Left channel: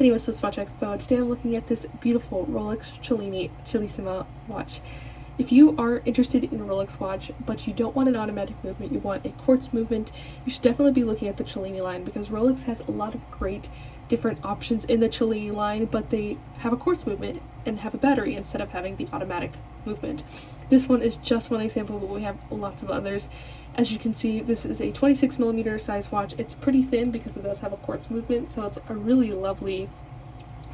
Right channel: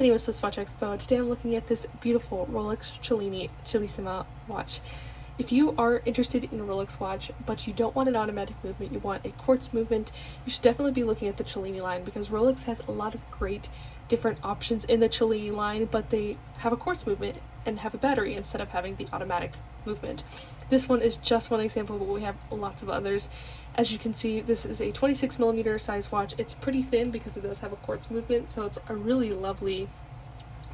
Video with SwissWatchExpo. Today I'm looking at this beautiful Rolex Cellini Cellissima watch. If you are interested in a Rolex watch, but you don't want an automatic movement, you want a quartz movement, you should definitely be looking at the Cellini line, because Rolex has a lot of great different options in the Cellini line, but they have a quartz movement and have a battery instead of having the automatic movement. This one is just one example, but we have lots of others. As you can see, this is a 26mm size watch. It's pretty thin because it does have a quartz movement, so it's a really lovely,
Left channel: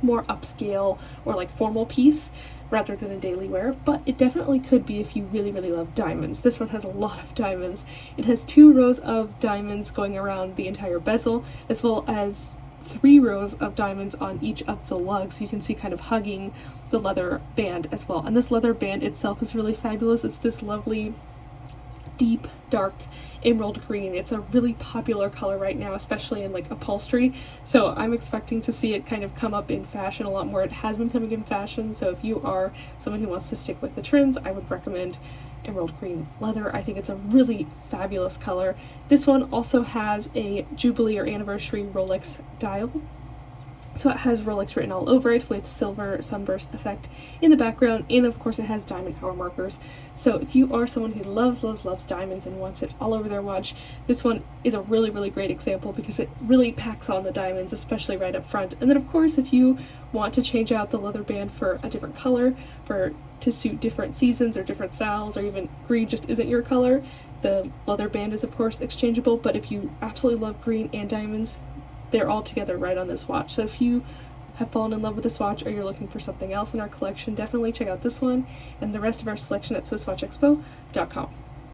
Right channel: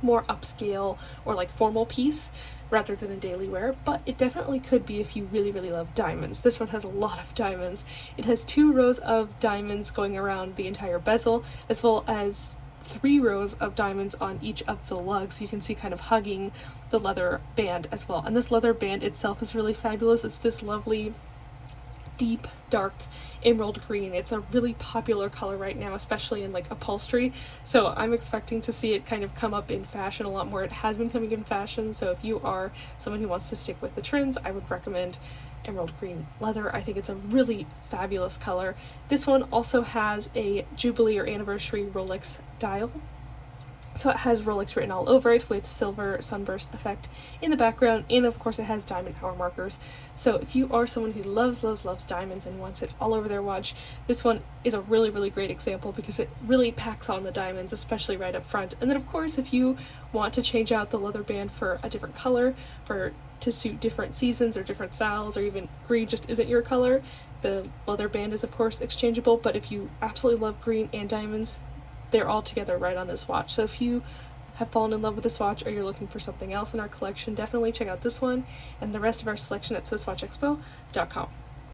more upscale or like formal piece rather than a daily wear, but it definitely could be if you really love diamonds. This one has a lot of diamonds. It has 2 rows of diamonds going around the entire bezel, as well as 3 rows of diamonds on each of the lugs. You can see kind of hugging the leather band as well. And this leather band itself is really fabulous. It's this lovely deep dark emerald green. It's a really popular color right now, especially in like upholstery, so I'm expecting to see it kind of come up in fashion a lot more. It has been coming in fashion, so if you are someone who wants to stick with the trends, I would recommend emerald green leather. I think it's a really fabulous color. This one also has a jubilee or anniversary Rolex dial, so it has Rolex written all over it with silver sunburst effect in the background, and of course it has diamond hour markers. So if you are someone who loves diamonds and wants it all over their watch, this one is a really great example because it really packs on the diamonds, especially right up front. And then of course if you want to change out the leather band for a different color, to suit different seasons or different styles, or even green just isn't your color, the leather band is of course exchangeable. But if you absolutely love green and diamonds, they're all together right on this watch. So if you have fallen in love with this watch or you're looking for something else in our collection, definitely check out this one and the rest of our selection at SwissWatchExpo.com.